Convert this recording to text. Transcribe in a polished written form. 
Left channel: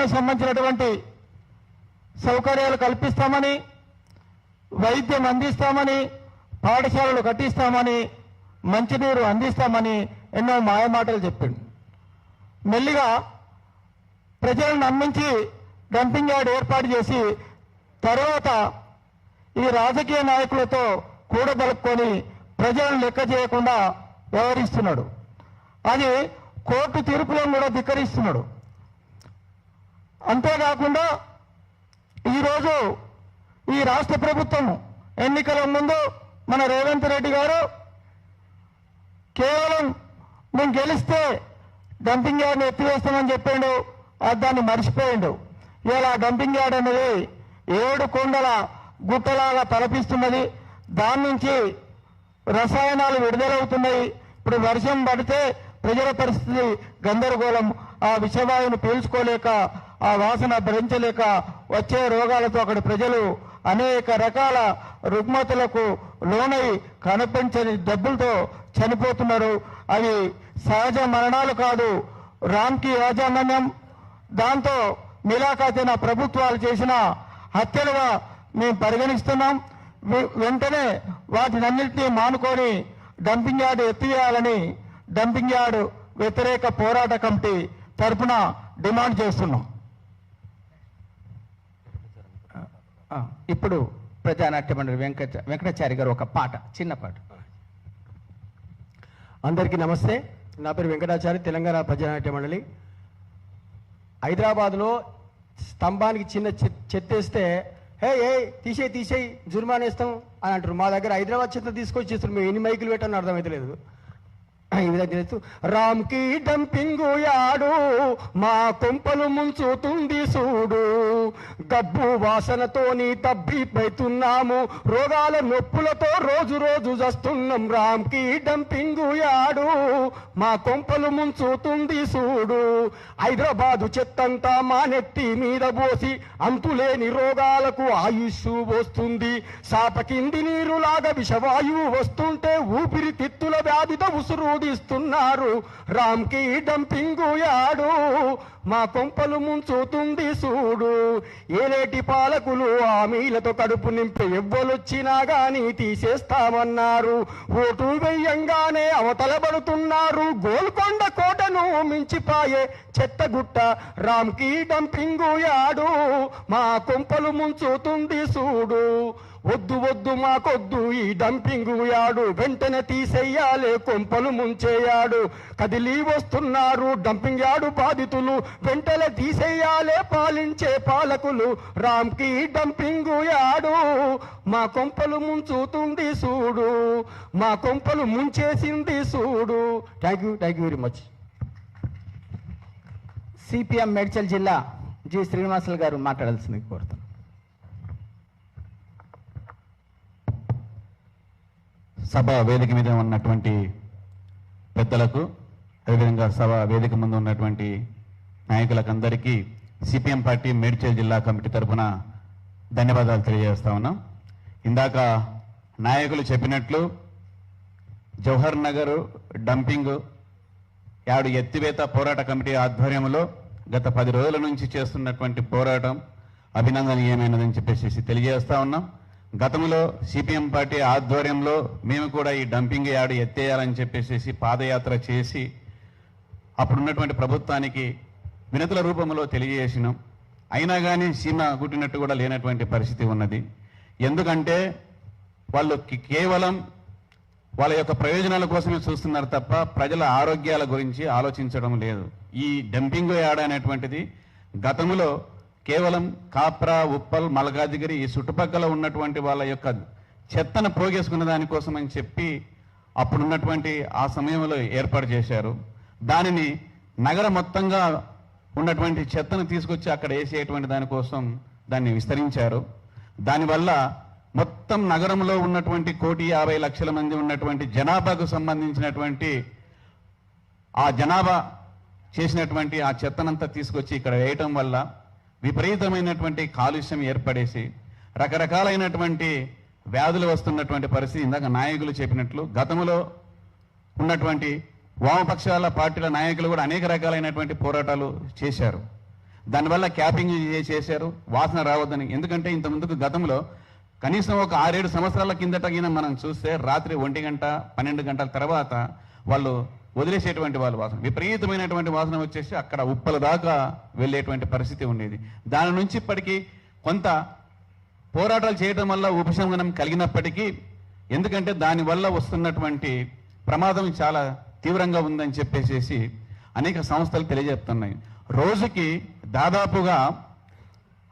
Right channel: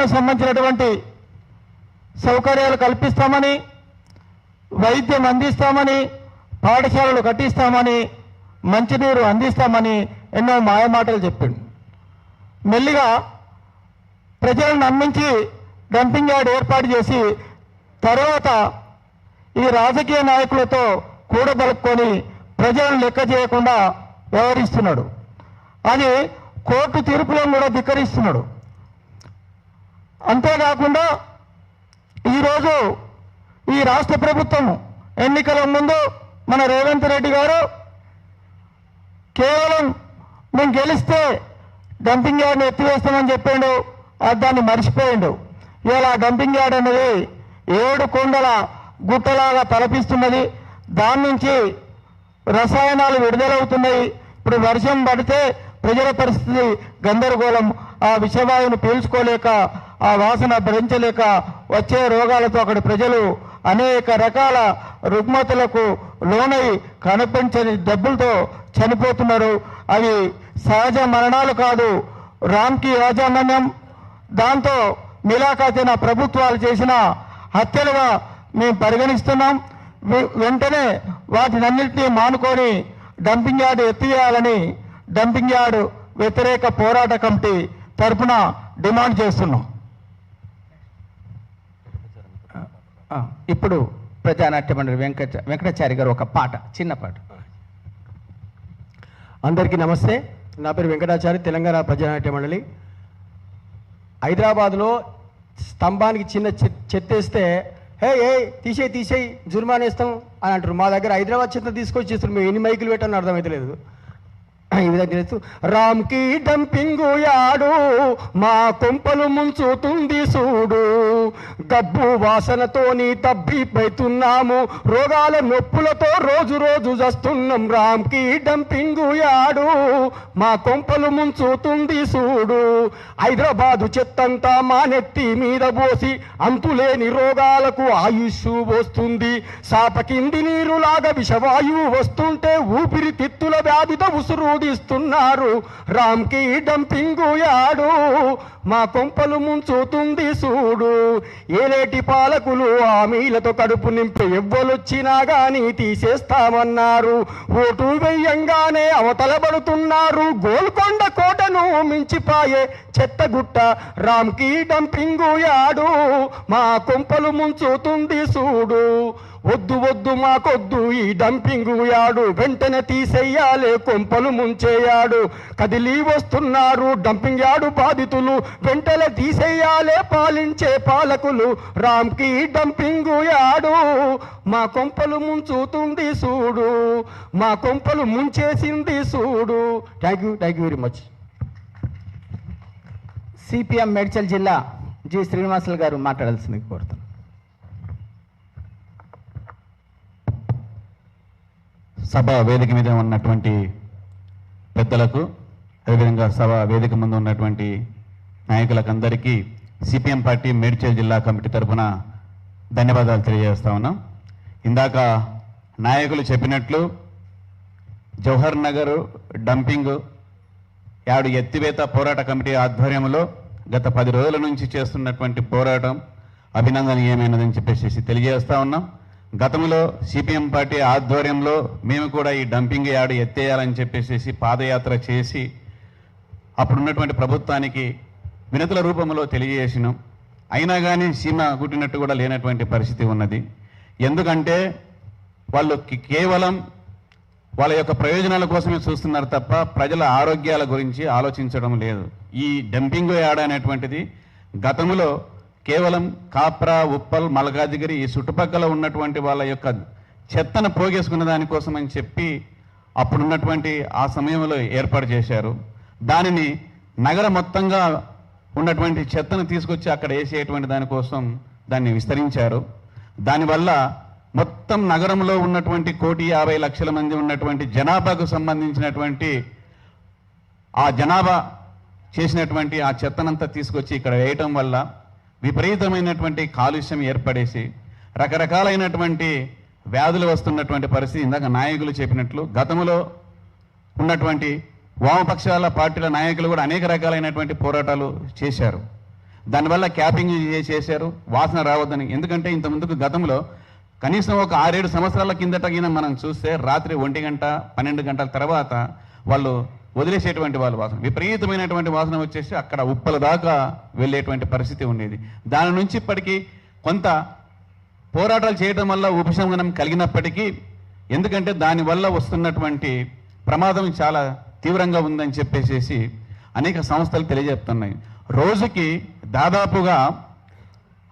విద్యారంగానికి సంబంధించినటువంటి సౌకర్యాలు కల్పిస్తామని, వైద్యం అందిస్తామని, పాఠశాలలు కట్టిస్తామని, మంచినీరు అందిస్తామని ఎన్నో మాయమాటలు చెప్పిండు. మెల్లిగా ప్రజలను నమ్మించి డంపింగ్ యార్డ్ ఏర్పాటు చేసి తర్వాత ఈ రాజకీయ నాయకులతో కూడబలుపుకొని ప్రజలను లెక్క చేయకుండా వ్యవహరిస్తున్నాడు. అది కోర్టు తీర్పులను కూడా ధిక్కరిస్తున్నాడు. అంతేకాకుండా ఈరోజు ఈ రాష్ట్ర ప్రభుత్వం ఎన్నికల ముందు మన రేవంత్ రెడ్డి గారు కేవలం మేము గెలిస్తే డంపింగ్ యార్డ్ని ఎత్తివేస్తామని చెప్పిండు. దాన్ని మర్చిపోయిండు. ఇలా డంపింగ్ యార్డ్ అనేది 7 కొండల గుట్టలాగా తలపిస్తున్నది. దాని నుంచి రసాయనాలు విడుదలవుతున్నాయి. ఇప్పుడు వర్షం పడితే ప్రజల పరిస్థితి గందరగోళం. ఆ విషవాయువును పీల్చుకోలేక, ఆ వాసన భరించలేక వచ్చే రోగాలతో అక్కడి ప్రజలు అనేక రకాల రుగ్మతలకు లోనై కనిపించని డబ్బులతో చనిపోతున్నారు. అవి సహజ మరణాలు కాదు, రామ్కి యాజమాన్యం దాంతో మిలాఖాతీన ప్రభుత్వాలు చేసిన హత్యలుగా మేము పరిగణిస్తున్నాం. వెంటనే వాటినన్నింటినీ మానుకొని డంపింగ్ యార్డు ఎత్తివేయాలని డంపింగ్ యార్డు వ్యతిరేక పోరాట కమిటీ తరఫున డిమాండ్ చేస్తున్నాం. ఇప్పుడు ప్రజానాట్య మండలి వెంకటాచారి గారు ఒక పాట, చిన్న పాట. అందరికీ నమస్తే. నా పేరు వెంకటాచారి, తెలంగాణ ప్రజానాట్య మండలి. హైదరాబాద్లో స్తంభానికి చిన్న చెత్తేస్తే హే తీసేయి జుర్మానా వేస్తాం అని అంటారు. మా దగ్గర హైదరాబాద్ చెత్త తీసుకొచ్చి చేస్తారు. మేము ఎన్ని మైకులు పెట్టాలని అర్థమైతే లేదు. ఈ విధంగా చేస్తూ రామ్కి డంపింగు యాడు మా కొంపలు ముంచుతుంది చూడు, గబ్బు వాసనతోని తబ్బిపోతున్నాము, రోగాల నొప్పులతో రోజు రోజు చస్తున్నాం. రామ్కి డంపింగు యాడు మా కొంపలు ముంచుతుంది చూడు, హైదరాబాదు చెత్తంతా మా నెత్తి మీద పోసి అంతులేని రోగాలకు ఆయుష్ వస్తుంది. సాప కింది నీరులాగా విషవాయువు వస్తుంటే ఊపిరితిత్తుల వ్యాధితో ఉసురుడిస్తున్నారు. రామ్కి డంపింగు యాడు మా కొంపలు ముంచుతుంది చూడు, ఏలేటి పాలకులు హామీలతో కడుపు నింపి ఎవ్వలొచ్చినా గాని తీసేస్తామన్నారు. ఓటు వెయ్యంగానే అవతలబడుతున్నారు. గోల్కొండ కోటను మించిపాయే చెత్తగుట్ట రామ్కి డంపింగు యాడు మా కొంపలు ముంచుతుంది చూడు. వద్దు వద్దు మాకొద్దు ఈ డంపింగు యాడు, వెంటనే తీసేయాలే కొంపలు ముంచేయాడు. కదిలి వస్తున్నారు డంపింగ్ యాడు బాధితులు, వెంటనే తీసేయాలే పాలించే పాలకులు. రామ్కి డంపింగు యాడు మా కొంపలు ముంచుతుంది చూడు, మా కొంపలు ముంచేసింది చూడు. Thank you very much. CPM Medchal జిల్లా జి శ్రీనివాసులు గారు మాట్లాడాల్సింది కోరుతాను. సభ వేదిక మీద ఉన్నటువంటి పెద్దలకు, అదేవిధంగా సభ వేదిక ముందు ఉన్నటువంటి నాయకులకు అందరికీ సిపిఎం పార్టీ మేడ్చల్ జిల్లా కమిటీ తరఫున ధన్యవాదాలు తెలియజేస్తా ఉన్నాం. ఇందాక నాయకులు చెప్పినట్లు జవహర్ నగర్ డంపింగ్ యార్డు ఎత్తివేత పోరాట కమిటీ ఆధ్వర్యంలో గత 10 రోజుల నుంచి చేస్తున్నటువంటి పోరాటం అభినందనీయమైనదని చెప్పేసి తెలియజేస్తా ఉన్నాం. గతంలో సిపిఎం పార్టీ ఆధ్వర్యంలో మేము కూడా ఈ డంపింగ్ యార్డు ఎత్తేయాలని చెప్పేసి పాదయాత్ర చేసి అప్పుడున్నటువంటి ప్రభుత్వానికి వినతుల రూపంలో తెలియజేసినాం. అయినా కానీ సీమ గుట్టినట్టు కూడా లేనటువంటి పరిస్థితి ఉన్నది. ఎందుకంటే వాళ్ళు కేవలం వాళ్ళ యొక్క ప్రయోజనాల కోసమే చూస్తున్నారు తప్ప ప్రజల ఆరోగ్యాల గురించి ఆలోచించడం లేదు. ఈ డంపింగ్ యార్డ్ అనేటువంటిది గతంలో కేవలం కాప్రా, ఉప్పల్, మల్కాజిగిరి ఈ చుట్టుపక్కల ఉన్నటువంటి వాళ్ళ యొక్క చెత్తను పోగేసుకున్న దానికోసం అని చెప్పి అప్పుడున్నటువంటి ఆ సమయంలో ఏర్పాటు చేశారు. దానిని నగర మొత్తంగా ఉన్నటువంటి చెత్తను తీసుకొచ్చి అక్కడ వేసేటువంటి దానికోసం దాన్ని విస్తరించారు. దానివల్ల మొత్తం నగరంలో ఉన్నటువంటి 1,50,00,000 మంది ఉన్నటువంటి జనాభాకు సంబంధించినటువంటి ఆ జనాభా చేసినటువంటి ఆ చెత్తనంతా తీసుకొచ్చి ఇక్కడ వేయటం వల్ల విపరీతమైనటువంటి కాలుష్యం ఏర్పడేసి రకరకాలైనటువంటి వ్యాధులు వస్తున్నటువంటి పరిస్థితి. ఇందాక నాయకులు చెప్పినట్లు గతంలో ఉన్నటువంటి వామపక్షాల పార్టీల నాయకులు కూడా అనేక రకాలైనటువంటి పోరాటాలు చేశారు. దానివల్ల క్యాపింగ్ చేశారు వాసన రావద్దని. ఎందుకంటే ఇంత ముందుకు గతంలో కనీసం ఒక 6-7 సంవత్సరాల కిందట మనం చూస్తే రాత్రి 1 గంట 12 గంటల తర్వాత వాళ్ళు వదిలేసేటువంటి వాళ్ళు వాసన, విపరీతమైనటువంటి వాసన వచ్చేసి అక్కడ ఉప్పల దాకా వెళ్ళేటువంటి పరిస్థితి ఉండేది. దాని నుంచి ఇప్పటికీ కొంత పోరాటాలు చేయడం వల్ల ఉపశమనం కలిగినప్పటికీ, ఎందుకంటే దానివల్ల వస్తున్నటువంటి ప్రమాదం చాలా తీవ్రంగా ఉందని చెప్పేసి అనేక సంస్థలు తెలియజేస్తున్నాయి. రోజుకి దాదాపుగా